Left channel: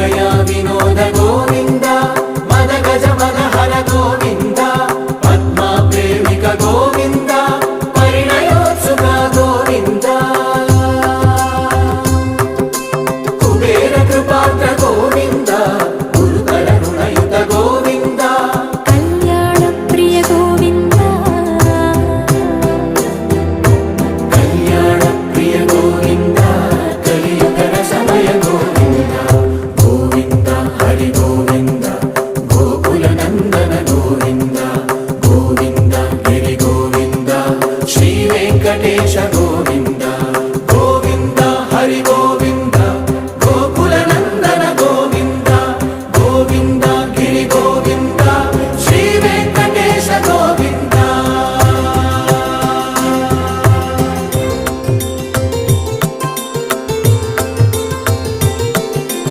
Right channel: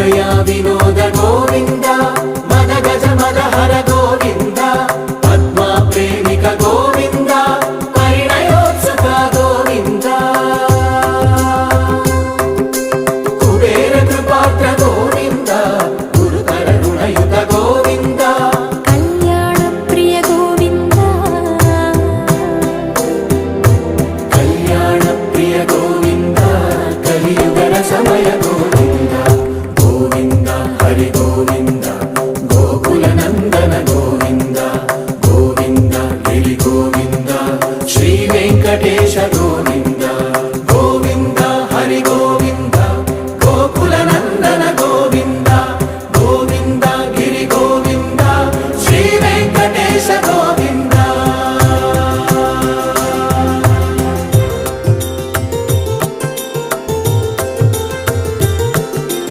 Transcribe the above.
ಮೃಗಯ ವಿನೋದ ಗೋವಿಂದ ಮದ ಗಜ ಮದಹರ ಗೋವಿಂದ ಪದ್ಮ ಪ್ರೇಮಿಕ ಗೋವಿಂದ ಪರಿಣಯೋತ್ಸುಕ ಗೋವಿಂದ ಕುಬೇರ ಕೃಪಾತ್ರ ಗೋವಿಂದ ಗುರುತರ ಋಣಯುತ ಗೋವಿಂದ ಕಲ್ಯಾಣ ಪ್ರಿಯ ಗೋವಿಂದ ಕಲ್ಯಾಣ ಪ್ರಿಯ ಗೋವಿಂದ ಕಲಿಯುಗರ ಸಮಯ ಗೋವಿಂದ ಗೋವಿಂದ ಹರಿ ಗೋವಿಂದ ಗೋಕುಲ ನಂದನ ಗೋವಿಂದ ಗೋವಿಂದ ಗಿರಿ ಗೋವಿಂದ ಶ್ರೀ ವೆಂಕಟೇಶ ಗೋವಿಂದ ಗೋವಿಂದ ಹರಿ ಗೋವಿಂದ ಗೋಕುಲ ನಂದನ ಗೋವಿಂದ